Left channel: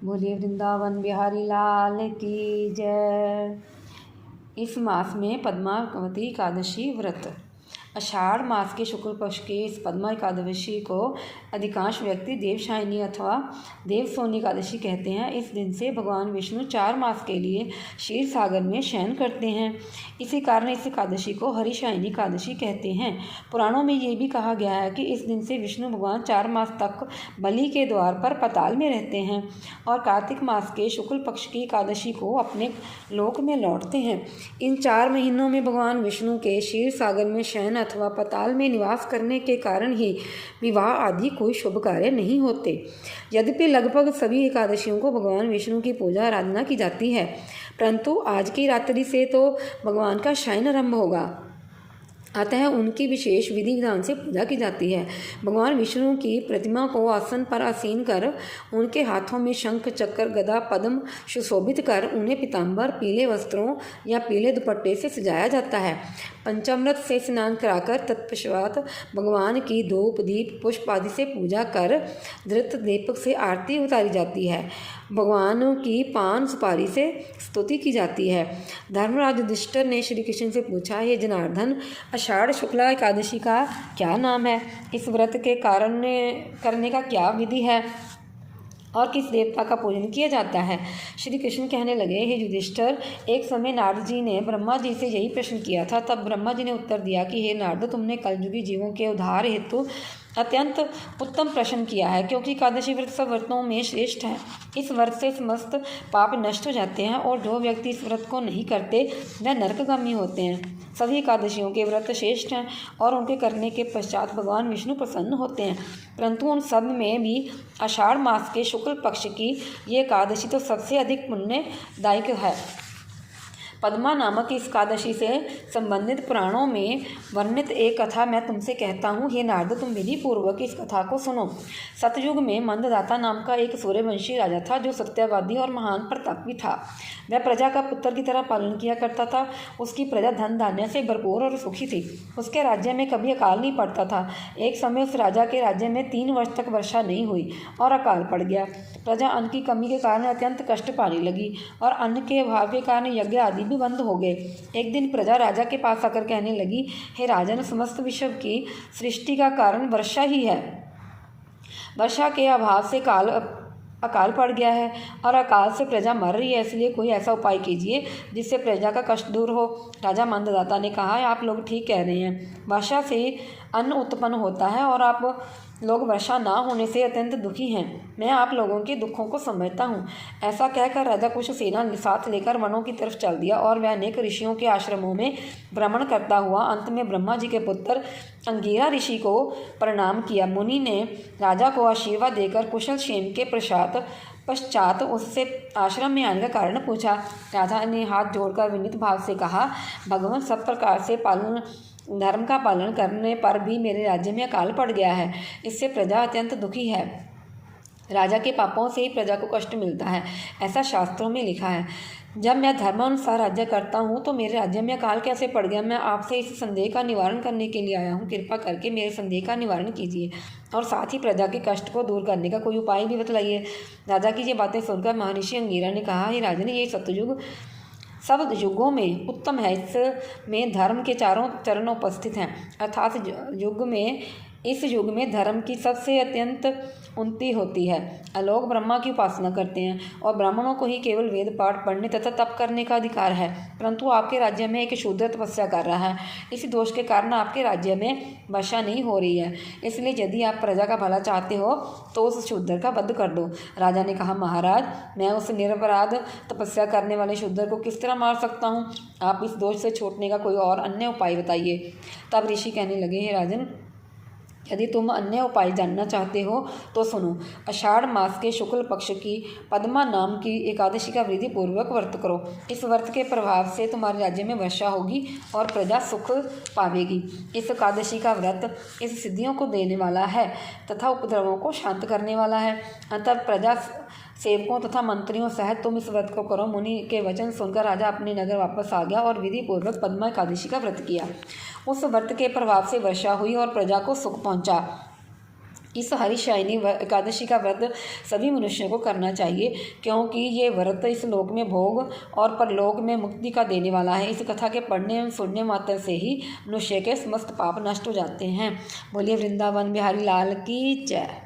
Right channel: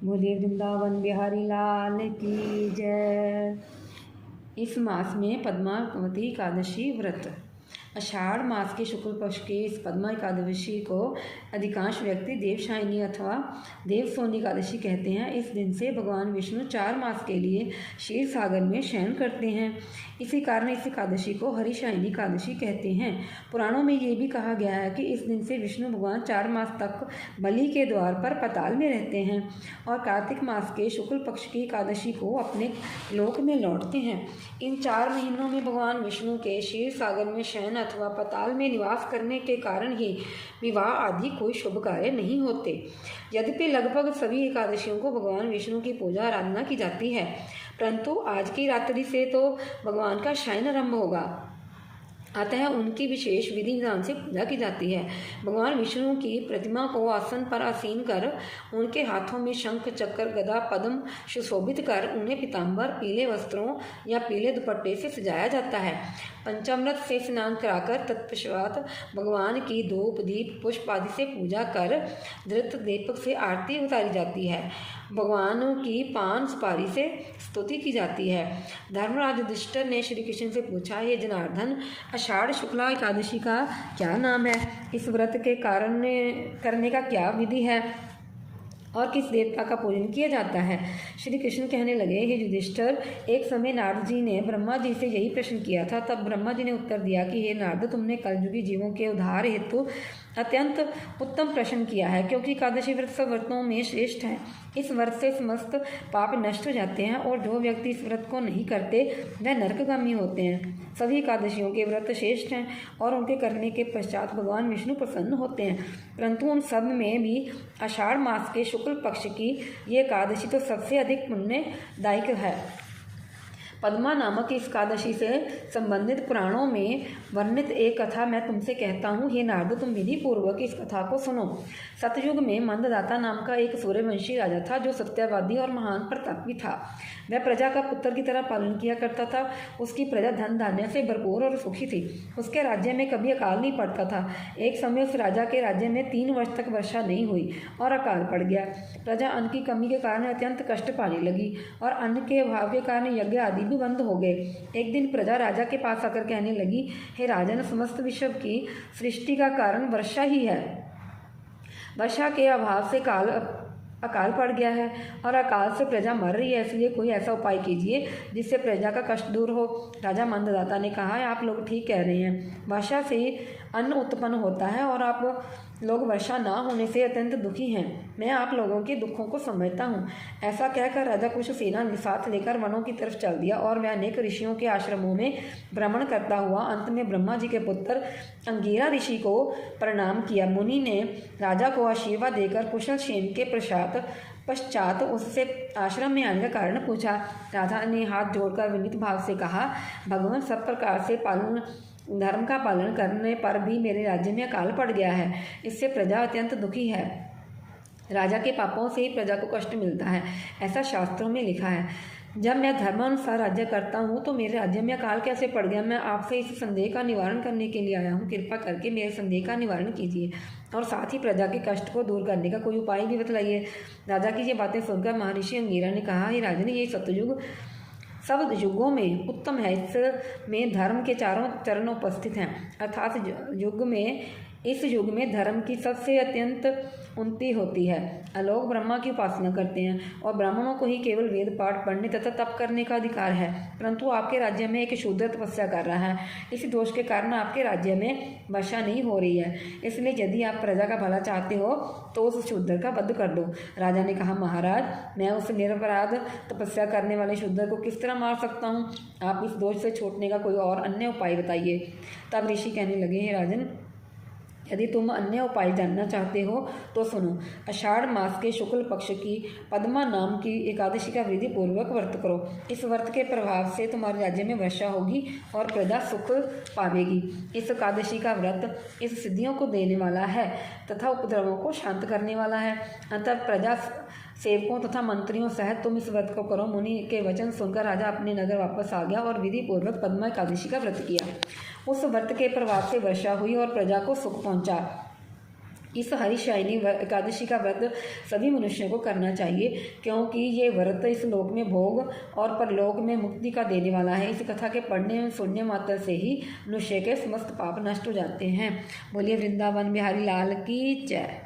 बोलिए वृंदावन बिहारी लाल की जय। इस मास में पद्मावती एकादशी व्रत। आषाढ़ मास के शुक्ल पक्ष के इस पद्मा एकादशी को अधिकांश व्यक्ति देवशायनी अथवा देवसोनी एकादशी कहते हैं। इस दिन से भगवान विष्णु 4 मास के लिए क्षीर सागर में शयन करते हैं। इसी कारण इस एकादशी को हरिशायनी एकादशी कहते हैं। पुराणों में ये भी कहा गया है कि इस दिन से विष्णु भगवान 4 मास तक बलि के द्वार पर पाताल में रहते हैं और कार्तिक मास के शुक्ल पक्ष की एकादशी को अपने लोक में लौटते हैं। इन 4 महीनों में भगवान विष्णु के क्षीर सागर में शयन अथवा पाताल में निवास करने के कारण ही विवाह आदि कोई शुभ कार्य नहीं होते। यद्यपि लगभग सभी एकादशियों को भगवान विष्णु की पूजा आराधना की जाती है, परंतु आज की रात्रि से तो भगवान का शयन आरंभ होगा, अतः उनकी विशेष विधि विधान से पूजा की जाती है। भगवान विष्णु की प्रतिमा को आसन पर आसीन कर उनके हाथों में शंख चक्र गदा पद्म सुशोभित कर उन्हें पीताम्बर पीले वस्त्रों या पीले दुपट्टे से सजाया जाता है। पंचामृत से स्नान कराकर तत्पश्चात भगवान की धूप दीप पुष्प आदि से पूजा कर धृत दीपक से आरती उतारी जाती है। भगवान की पान सुपारी से स्तुति की जाती है। धर्मराज युधिष्ठिर ने श्री कृष्ण से पूछा, हे जनार्दन, आषाढ़ शुक्ला एकादशी का क्या नाम है? इस व्रत के कारण करने का क्या विधि है और किस देवता का पूजन किया जाता है? श्री कृष्ण कहने लगे, हे युधिष्ठिर, एक समय नारद जी ने ब्रह्मा जी से यही प्रश्न किया था। तब ब्रह्मा जी ने उत्तर दिया कि हे नारद, तुमने कलयुगी जीवों के उद्धार हेतु अत्यंत उत्तम प्रश्न किया है, क्योंकि एकादशी व्रत सब व्रतों में श्रेष्ठ है। इस व्रत से समस्त पाप नष्ट हो जाते हैं और जो व्यक्ति इस व्रत को नहीं करते वह नरकगामी होते हैं। सभी एकादशियों के व्रत श्रेष्ठ हैं और उनके करने के पश्चात भगवान विष्णु प्रसन्न होते हैं, परंतु उन सब में भी आषाढ़ मास के शुक्ल पक्ष की ये एकादशी तो सबसे अधिक पुण्यदायक है। पद्मा नामक इस एकादशी से संबंधित पुराणों में वर्णित एक कथा मैं तुमसे कहता हूँ। हे नारद, तुम विधि पूर्वक इस कथा को सुनो। सतयुग में मंददाता नाम का एक सूर्यवंशी राजा था, जो सत्यवादी और महान प्रतापी था। वह प्रजा का पुत्र की तरह पालन किया करता था। उसकी प्रजा धन धान्य से भरपूर और सुखी थी। उसके राज्य में कभी अकाल नहीं पड़ता था। एक समय उस राजा के राज्य में 3 वर्ष तक वर्षा नहीं हुई और अकाल पड़ गया। प्रजा अन्न की कमी के कारण अत्यंत कष्ट पाने लगी और अन्न के अभाव के कारण यज्ञ आदि भी बंद हो गए। एक दिन प्रजा राजा के पास आकर कहने लगी, हे राजन, समस्त विश्व की सृष्टि का कारण वर्षा ही है। वर्षा के अभाव से अकाल पड़ गया है और अकाल से प्रजा मर रही है, इसलिए कोई ऐसा उपाय कीजिए जिससे प्रजा का कष्ट दूर हो। राजा मंददाता ने कहा, आप लोग ठीक कह रहे हैं, वर्षा से अन्न उत्पन्न होता है और आप लोग वर्षा ना होने से अत्यंत दुखी हैं। मैं आप लोगों के दुखों को समझता हूँ। ऐसा कहकर राजा कुछ सेना साथ लेकर वनों की तरफ चल दिया और वह अनेक ऋषियों के आश्रमों में भ्रमण करता हुआ अंत में ब्रह्मा जी के पुत्र अंगिरा ऋषि को प्रणाम किया। मुनि ने राजा को आशीर्वाद देकर कुशल क्षेम के पश्चात उससे आश्रम में आने का कारण पूछा। राजा ने हाथ जोड़कर विनीत भाव से कहा, भगवान, सब प्रकार से धर्म का पालन करने पर भी मेरे राज्य में अकाल पड़ गया है। इससे प्रजा अत्यंत दुखी है। राजा के पापों से ही प्रजा को कष्ट मिलता है, ऐसा शास्त्रों में लिखा है। जब मैं धर्मानुसार राज्य करता हूँ तो मेरे राज्य में अकाल कैसे पड़ गया? मैं आपसे इस संदेह का निवारण करने के लिए आया हूँ। कृपा करके मेरे संदेह का निवारण कीजिए और साथ ही प्रजा के कष्ट को दूर करने का कोई उपाय भी बतलाइए। राजा की ये बातें सुनकर महर्षि अंगिरा ने कहा, हे राजन, ये सतयुग सब युगों में उत्तम है। इसमें धर्म के 4 चरण उपस्थित हैं, अर्थात इस युग में धर्म की सबसे अत्यंत उन्नति होती है। लोग ब्रह्मा की उपासना करते हैं और ब्राह्मणों को ही केवल वेद पाठ पढ़ने तथा तप करने का अधिकार है, परंतु आपके राज्य में एक शूद्र तपस्या कर रहा है। इस दोष के कारण आपके राज्य में वर्षा नहीं हो रही है। इसलिए यदि आप प्रजा का भला चाहते हो तो उस शूद्र का वध कर दो। राजा ने कहा, महाराज, मैं उस निरपराध तपस्या करने वाले शूद्र को किस तरह मार सकता हूँ? आप इस दोष से छूटने का कोई और अन्य उपाय बताइए। तब ऋषि कहने लगे, हे राजन, यदि तुम अन्य उपाय जानना चाहते हो तो सुनो। आषाढ़ मास के शुक्ल पक्ष की पद्मा नाम की एकादशी का विधि पूर्वक व्रत करो। इस व्रत के प्रभाव से तुम्हारे राज्य में वर्षा होगी और प्रजा सुख पावेगी। इस एकादशी का व्रत इस सिद्धियों को देने वाला है तथा उपद्रवों को शांत करने वाला है। अतः प्रजा सेवकों तथा मंत्रियों सहित तुम इस व्रत को करो। मुनि के वचन सुनकर राजा अपने नगर वापस आ गया और विधि पूर्वक पद्मा एकादशी का व्रत किया। उस व्रत के प्रभाव से वर्षा हुई और प्रजा को सुख पहुंचा। इस हरिशायनी एकादशी का व्रत सभी मनुष्यों को करना चाहिए, क्योंकि ये व्रत इस लोक में भोग और परलोक में मुक्ति का देने वाला है। इस कथा के पढ़ने एवं सुनने मात्र से ही मनुष्य के समस्त पाप नष्ट हो जाते हैं। बोलिए वृंदावन बिहारी लाल की जय।